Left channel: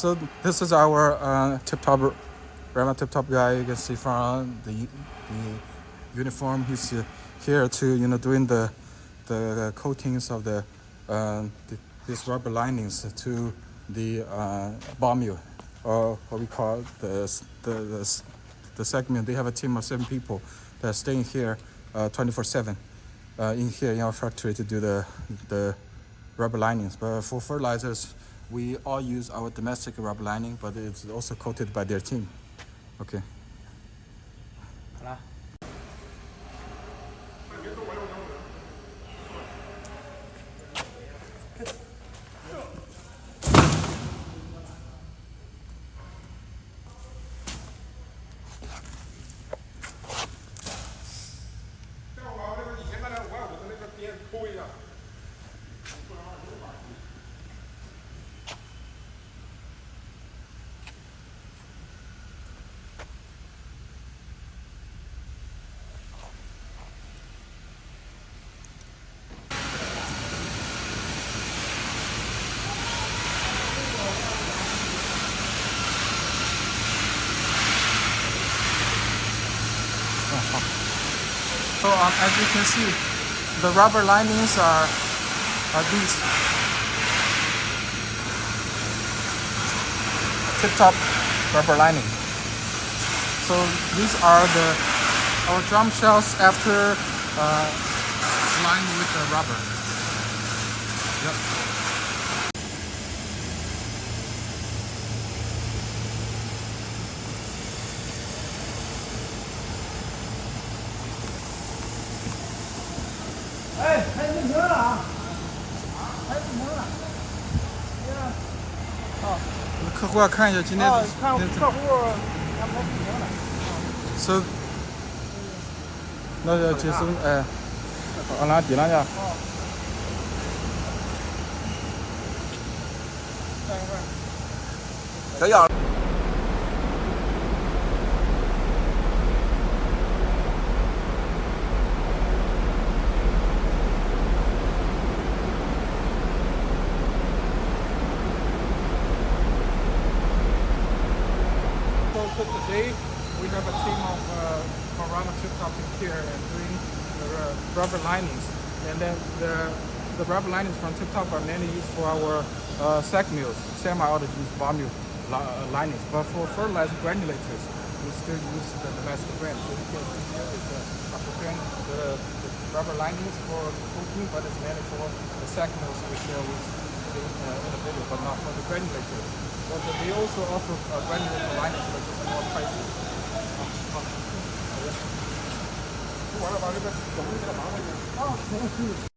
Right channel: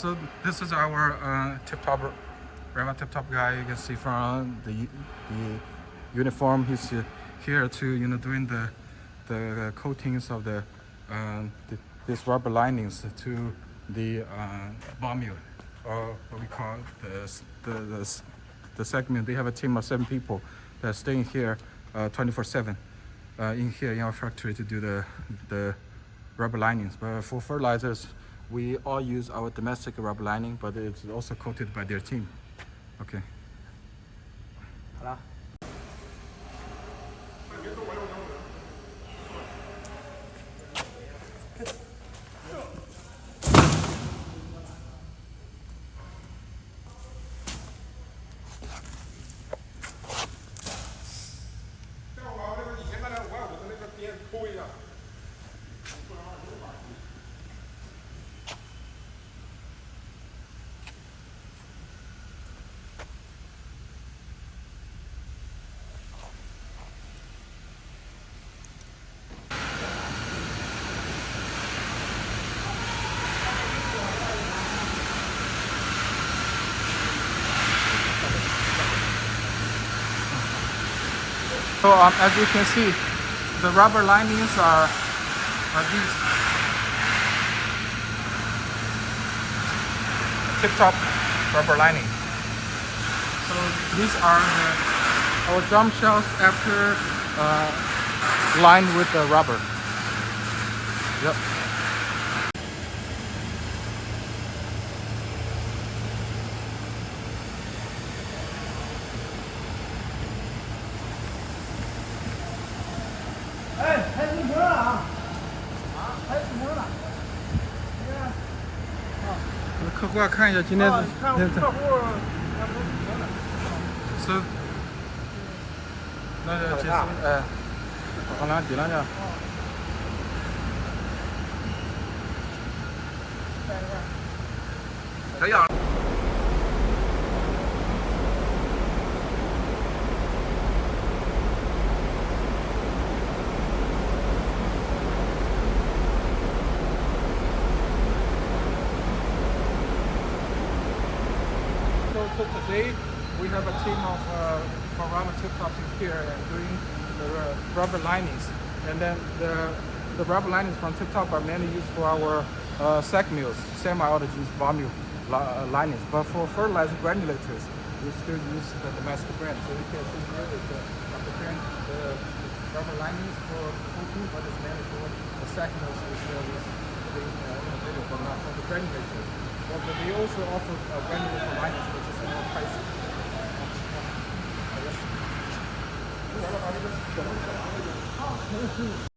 So this is our TIPTOP, REMA TIPTOP guy. You can see from the uniform. He's here to doing the coatings of these rubber linings to the bar mill, or what we call the segment. They have a team of 7 people that are staying here 24/7 in here in our factory to do the rubber linings. But for fertilizers, we all use our domestic rubber lining, but it's also coated by their team. Okay. 好了。以前那550的那个边抠一下。So as you can see, the rubber linings are these TIPTOP rubber lining. So these are our drum shells after lined with the rubber. Yep. So 客户要看一下今天的。So 那个几十往哪抵那下？小样。So today we have a team of from REMA TIPTOP here and doing the rubber linings, and then the rubber linings from TIPTOP are mainly used for our sack mills, semi-autogenous bar mill linings. But for fertilizer granulators, we still use the domestic brand. So you can see here is the brand, the rubber linings for coating, but it's mainly for the sack mills which we in the video, but not for the granulators. But they also offer granulator linings, but just more pricey. 完了，把那个总给它拿回去。